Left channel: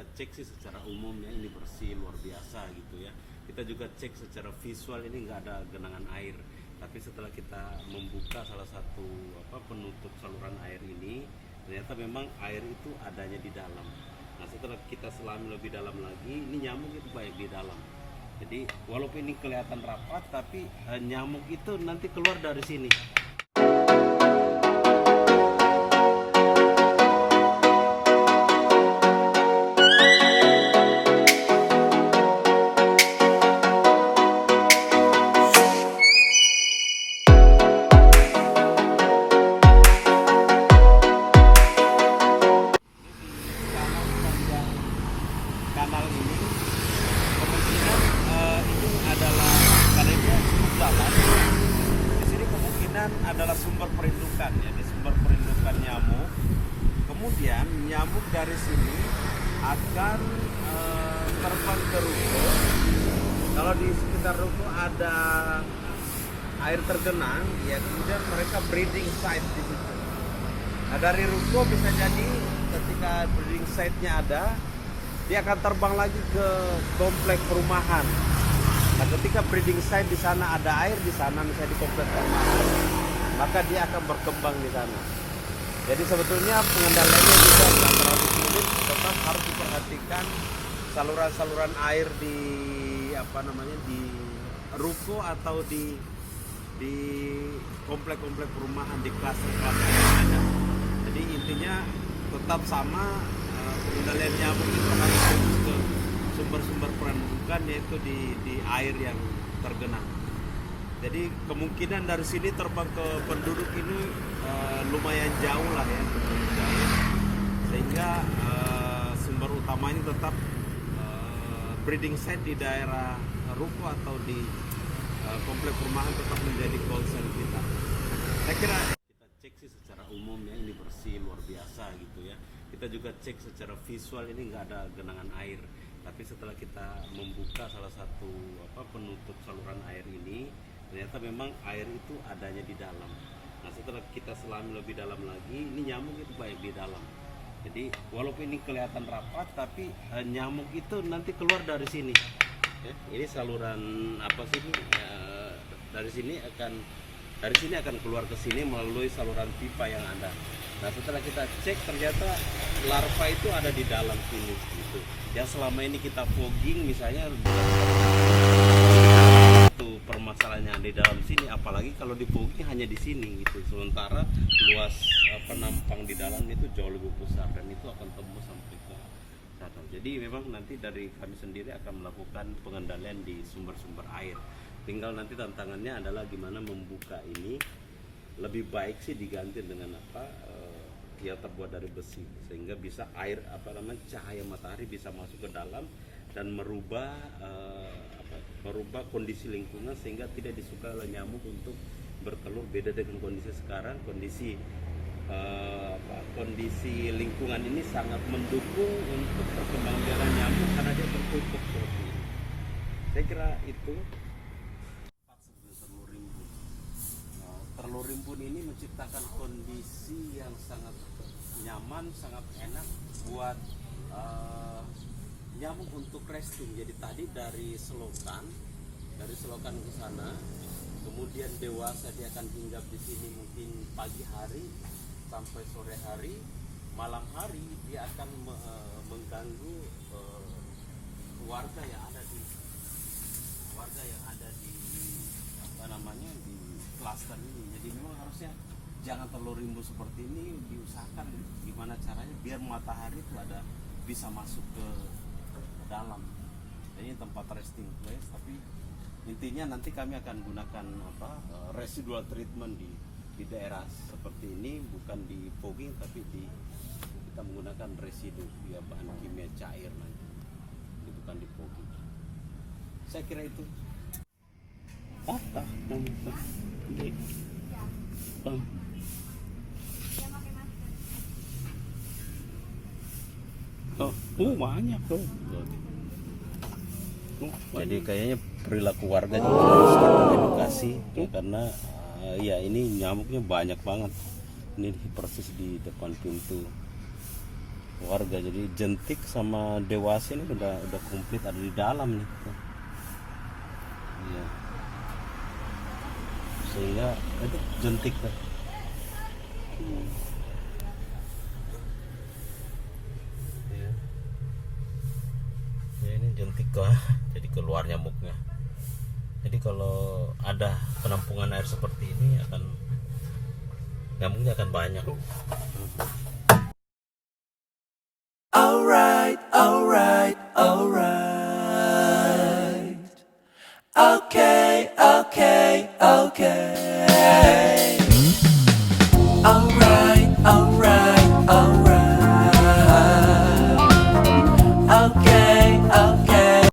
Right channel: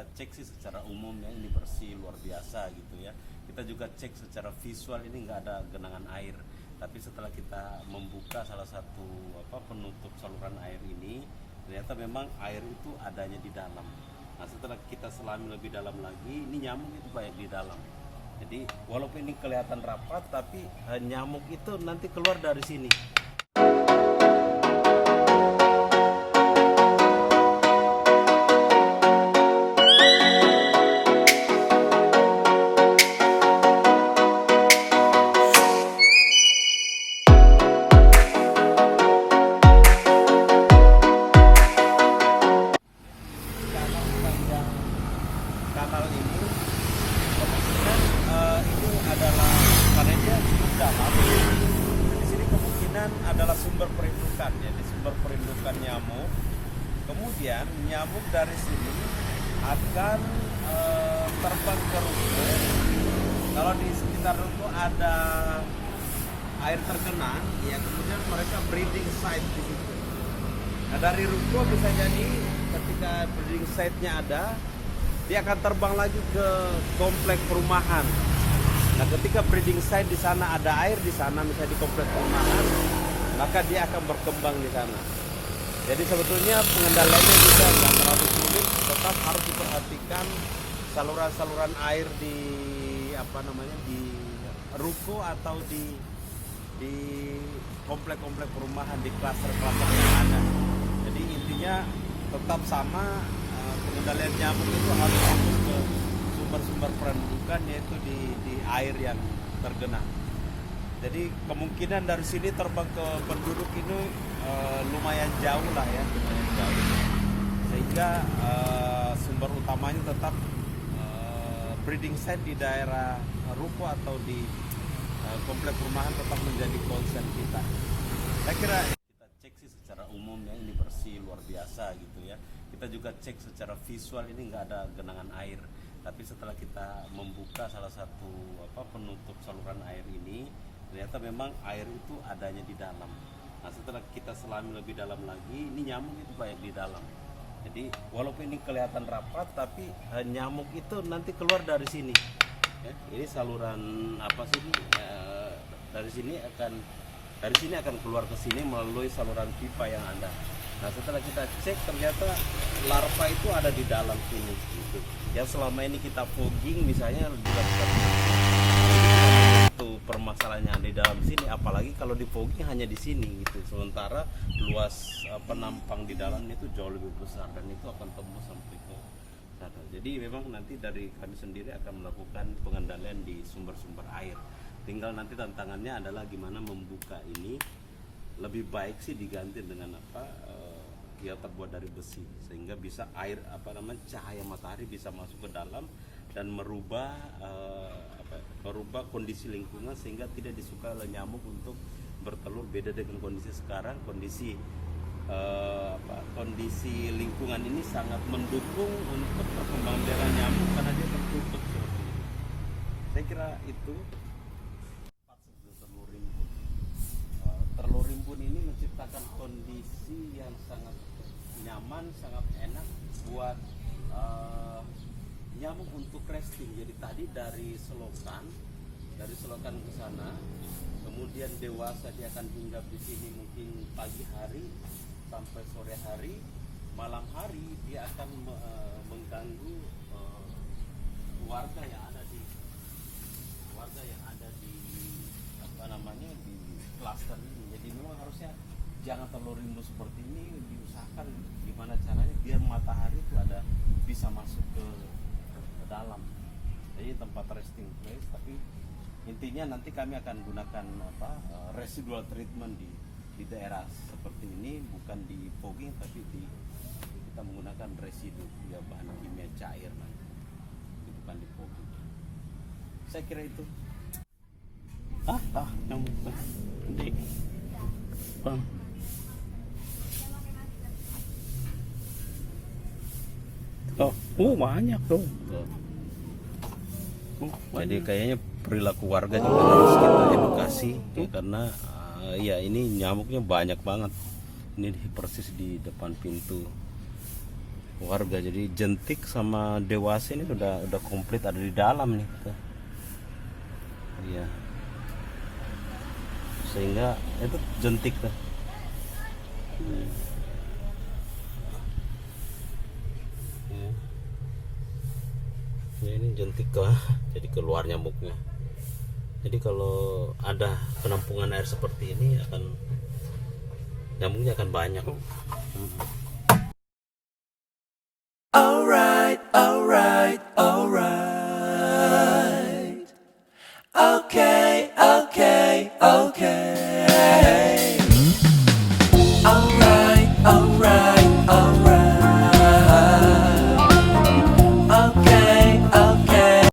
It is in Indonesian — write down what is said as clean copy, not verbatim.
kita cek sih secara umum ya, ini bersih luar biasa gitu ya. Kita juga cek secara visual, ini nggak ada genangan air. Tapi setelah kita membuka salah satu penutup saluran air ini, ternyata memang air itu adanya di dalam. Nah, setelah kita selami lebih dalam lagi, ini nyamuk itu banyak di dalam. Jadi walaupun ini kelihatan rapat, tapi nyamuk itu nanti keluar dari sini. Kanal ini kemungkinan itu adalah karena dia dalam. Di sini kemungkinan adalah sumber perindukan, jadi sumber perindukan nyamuk. Kemudian nyamuk dari sini akan terbang ke ruko. Kalau di sekitar ruko ada air tergenang, ya kemudian mereka breeding site di situ. Nah, dari ruko bisa jadi ketika breeding site-nya ada, dia akan terbang lagi ke komplek perumahan. Nah, ketika breeding site di sana ada air di sana, misalnya di komplek perumahan, maka dia akan berkembang di sana. Jadi sebetulnya pengendaliannya juga nggak terlalu sulit, tetap harus diperhatikan saluran-saluran air di di ruko atau di komplek-komplek perumahan, di klaster-klaster yang ada. Jadi intinya tetap sama. Pengendalian nyamuk itu harus fokus ke sumber-sumber perindukan, yaitu di air yang tergenang. Jadi kemungkinan dari sini terbang ke penduduk itu lumayan jauh lah ya, sehingga sumber utamanya tetap breeding site di daerah ruko atau di komplek perumahan tetap menjadi concern kita. Saya kira kita cek sih secara umum ya, ini bersih luar biasa gitu ya. Kita juga cek secara visual, ini nggak ada genangan air. Tapi setelah kita membuka salah satu penutup saluran air ini, ternyata memang air itu adanya di dalam. Nah, setelah kita selami lebih dalam lagi, ini nyamuk itu banyak di dalam. Jadi walaupun ini kelihatan rapat, tapi nyamuk itu nanti keluar dari sini. Ya, ini saluran dari sini akan keluar ke sini melalui saluran pipa yang ada. Nah, setelah kita cek ternyata larva itu ada di dalam sini gitu. Ya, selama ini kita fogging misalnya itu permasalahannya di dalam sini, apalagi kalau di fogging hanya di sini gitu. Sementara luas penampang di dalam itu jauh lebih besar dan itu akan tembus sampai ke sana. Jadi memang nanti dari kami sendiri akan melakukan pengendalian di sumber-sumber air. Tinggal nanti tantangannya adalah gimana membuka ini. Lebih baik sih diganti dengan yang terbuat dari besi, sehingga bisa cahaya matahari bisa masuk ke dalam dan merubah kondisi lingkungan sehingga tidak disukai oleh nyamuk untuk bertelur. Beda dengan kondisi sekarang, kondisi lingkungan ini sangat mendukung untuk perkembangan biaran nyamuk karena dia tertutup seperti ini. Saya kira itu. Telur rimbun ini menciptakan kondisi yang sangat nyaman, sangat enak buat nyamuk untuk resting. Jadi tadi dari selokan ke sana, kemudian dewasa dia akan hinggap di sini mungkin pagi hari sampai sore hari. Malam hari dia akan mengganggu warga yang ada di di klaster ini. Jadi memang harusnya jangan telur rimbun seperti ini, diusahakan gimana caranya biar matahari itu bisa masuk ke dalam. Jadi tempat resting place, tapi intinya nanti kami akan gunakan residual treatment di daerah seperti ini, bukan di fogging tapi kita menggunakan residu ya, bahan kimia cair nanti, bukan di fogging. Saya kira itu. Banyak tuh. Jadi kayaknya perilaku warga juga harus kita edukasi ya, karena ini nyamuknya banyak banget. Ini persis di depan pintu. warga. Jadi jentik sama dewasa ini udah komplit ada di dalam nih tuh. Iya. Sehingga itu jentik tuh. Ya. Ya ini jentik kah? Jadi keluar nyamuknya. Jadi kalau ada penampungan air seperti ini nyamuknya akan banyak.